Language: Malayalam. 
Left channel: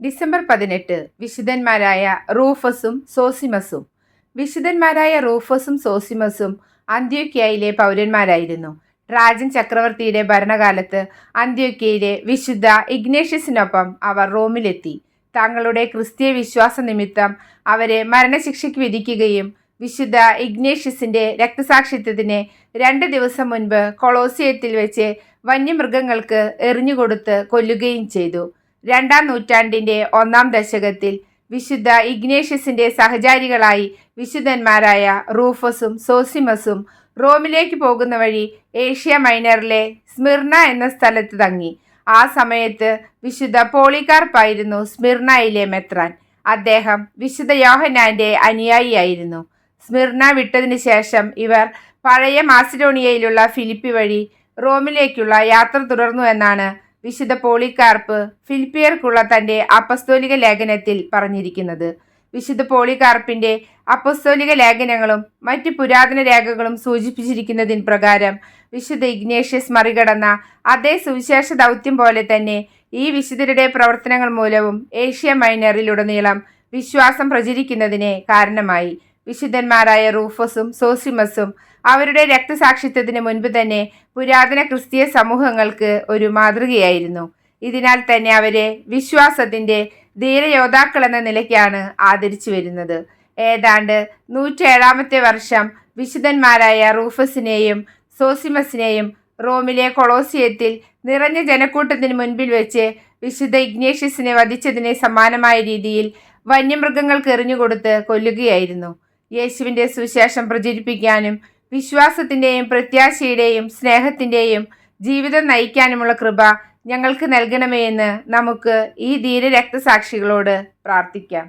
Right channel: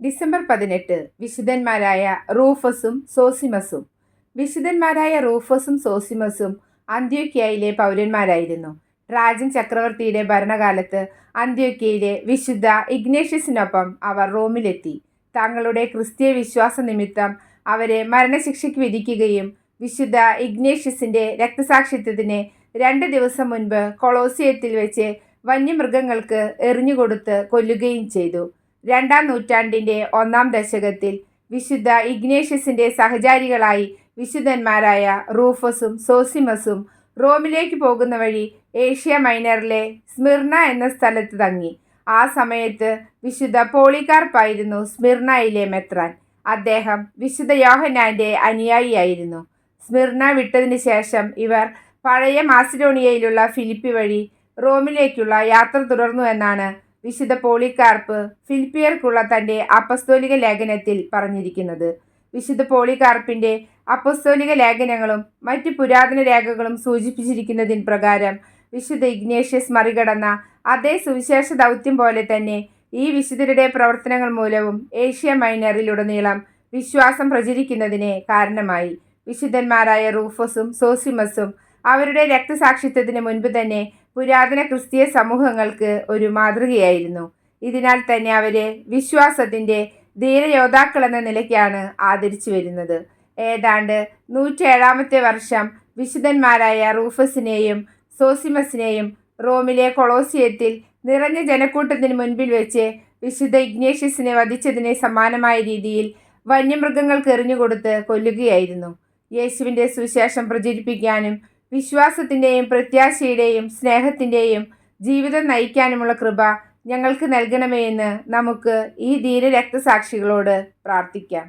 ഡിസംബർ പതിനെട്ട് വിശുദ്ധന്മാരായ റൂഫസും സോസിമസും. വിശുദ്ധന്മാരായ റൂഫസും സോസിമസും അന്ത്യോക്യയിലെ പൗരന്മാരായിരുന്നു. ട്രാജൻ ചക്രവർത്തിയുടെ ഭരണകാലത്ത് അന്ത്യോക്യയിലെ വിശുദ്ധ ഇഗ്നേഷ്യസിനൊപ്പം അവർ റോമിലെത്തി. തങ്ങളുടെ ക്രിസ്തീയ വിശ്വാസ നിമിത്തം അവരെ മരണശിക്ഷയ്ക്ക് വിധിക്കുകയും വിശുദ്ധ ഇഗ്നേഷ്യസിന്റെ രക്തസാക്ഷിത്വത്തിന് രണ്ട് ദിവസം മുൻപ് കൊളോസിയത്തിൽ വെച്ച് വന്യമൃഗങ്ങൾക്ക് എറിഞ്ഞുകൊടുത്ത് കൊല്ലുകയും ചെയ്തു. രണ്ടാം നൂറ്റാണ്ടിന്റെ ഒന്നാം ദശകത്തിൽ വിശുദ്ധ ഇഗ്നേഷ്യസിന്റെ സഹചാരികളായി വിശുദ്ധന്മാരായ റൂഫസും സോസിമസും റോമിലേക്ക് പോകുന്ന വഴി ഏഷ്യ മൈനറിലെ സ്മിർണ എന്ന സ്ഥലത്ത് തങ്ങി. ആ സമയത്ത് വിശുദ്ധ പോളികാർപ്പായിരുന്നു സ്മിർണയിലെ മെത്രാൻ. അദ്ദേഹം വിശുദ്ധ യോഹനാന്റെ അനുയായിയായിരുന്നു. സ്മിർണ വിട്ടതിന് ശേഷം ഇവർ പഴയ മാസിഡോണിയയിലുള്ള ഫിലിപ്പി വഴി റോമിലേക്കുള്ള യാത്ര തുടർന്നു എന്നാണ് വിശുദ്ധ പോളികാർപ്പ് ഫിലിപ്പിയർക്കുള്ള തന്റെ അപ്പസ്തോലിക ലേഖനത്തിൽ പറഞ്ഞിരിക്കുന്നത്. വിശുദ്ധ പോളികാർപ്പിന്റെ അപ്പസ്തോലിക ലേഖനങ്ങളും മറ്റ് പുരാതന രേഖകളും സൂചിപ്പിച്ചിരിക്കുന്നതിന് പ്രകാരം വിശുദ്ധ ഇഗ്നേഷ്യസ് മറികടന്ന അതേ സുവിശേഷ ദൗത്യം പോലെ തന്നെ ഈ വിശുദ്ധരുടെ പ്രവർത്തനങ്ങൾ മൂലവും ഏഷ്യ മൈനറിലുടനീളം വിശ്വാസം പ്രചരിക്കുന്നതിന് കാരണമായി. വിശുദ്ധന്മാരായ റൂഫസും സോസിമസും അവരുടെ രക്തസാക്ഷിത്വത്തിന് മുൻപ് തന്നെ പുരാതന ക്രിസ്തീയ സമൂഹങ്ങൾക്ക് ഒരു മാതൃകയായിരുന്നു. ഇതിനാൽ തന്നെ അവരെ വിശ്വാസത്തിന്റെ ധീരയോദ്ധാക്കൾ എന്ന നിലയ്ക്കാണ് ആദരിച്ചു വരുന്നത്. ഏതാണ്ട് നൂറ്റേഴാമത്തെ വർഷം വിശുദ്ധന്മാരായ റൂഫസിനെയും സോസിമസിനെയും റോമിലെ കൊളോസിയത്തിൽ നിറഞ്ഞ ജനക്കൂട്ടത്തിന് മുൻപിൽ വെച്ച് വിശുദ്ധ ഇഗ്നേഷ്യസിനെ വധിച്ചതിനെ സമാനമായ രീതിയിൽ വന്യമൃഗങ്ങൾക്ക് എറിഞ്ഞുകൊടുത്ത് കൊല്ലുകയായിരുന്നു. യേശുവിന്റെ സുവിശേഷം പ്രചരിപ്പിക്കാനും വിശ്വാസത്തിന്റെയും പ്രത്യാശയുടെയും സ്നേഹത്തിന്റെയും ജീവിതം നയിക്കാനുമുള്ള കൃപ ഞങ്ങൾക്ക് നൽകണമേ എന്ന് നമുക്ക് ഈ ധീര രക്തസാക്ഷികളോട് പ്രാർത്ഥിക്കാം.